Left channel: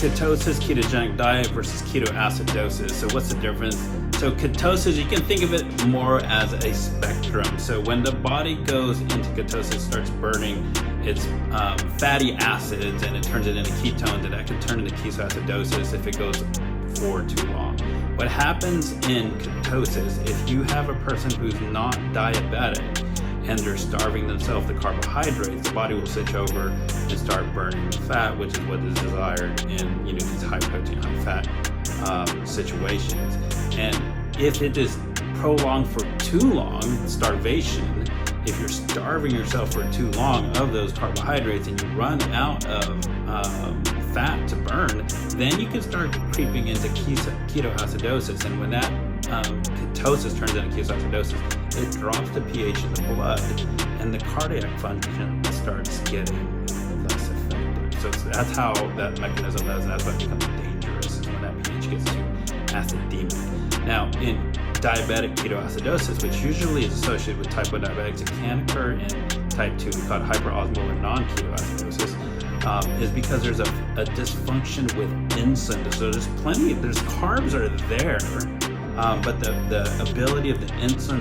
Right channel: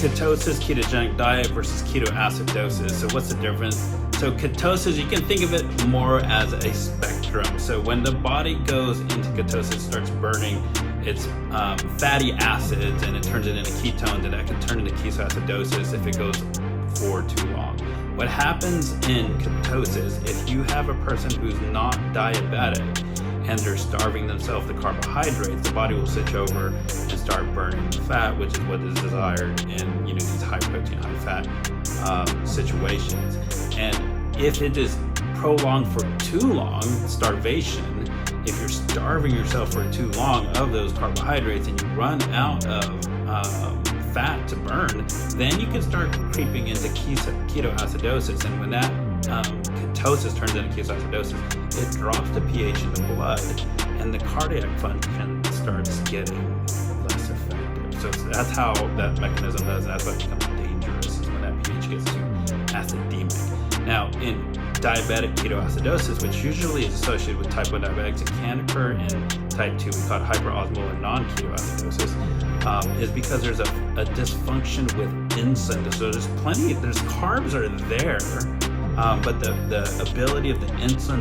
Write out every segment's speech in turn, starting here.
Ketosis, ketogenic diet versus ketoacidosis. So what's the difference? So ketosis, you can think of it more as a spectrum. So when the body goes into ketosis, it starts burning its fatty acids and it turns it into ketones, and that can turn into ketoacidosis if it goes for too long. What happens in ketosis, if you have a person who's not diabetic and they're starving themselves the carbohydrates, the body will switch over and start burning the fat, which is what is desired in these high protein, high fat situations. And if it is prolonged for too long, starvation, if you're starving yourself for too long of those carbohydrates and you run out of fat to burn, then you can start creeping into ketoacidosis. And when that ketosis turns into ketoacidosis, it drops the pH in the blood and the cardiac function starts getting less effective. So that's how that mechanism does, and that's why it becomes dangerous, is when that pH gets too acidemic. Now, in diabetic ketoacidosis, which usually is associated with type 1 diabetics, it can occur in type 2, we call it hyperosmolar non-ketoacidosis, is because there's a dysfunction with insulin. So there's carbs are there, but the ability of the insulin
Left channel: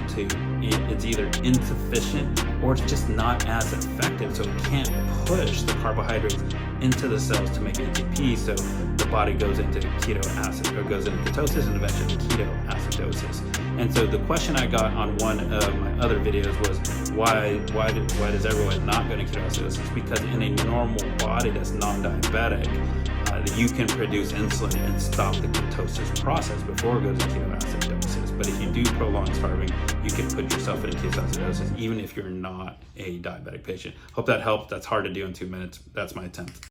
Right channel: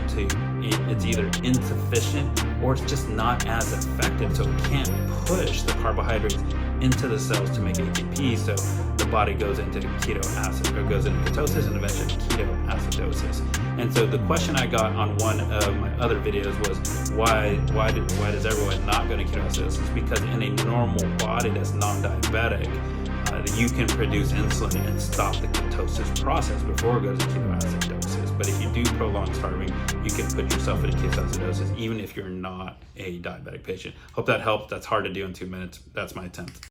it's either insufficient or it's just not as effective. So it can't push the carbohydrates into the cells to make ATP. So the body goes into ketosis and eventually ketoacidosis. And so the question I got on one of my other videos was why does everyone not go to ketoacidosis? Because in a normal body that's non-diabetic, you can produce insulin and stop the ketosis process before it goes to ketoacidosis. But if you do prolonged starving, you can put yourself into ketoacidosis even if you're not a diabetic patient. Hope that helped. That's hard to do in 2 minutes. That's my attempt.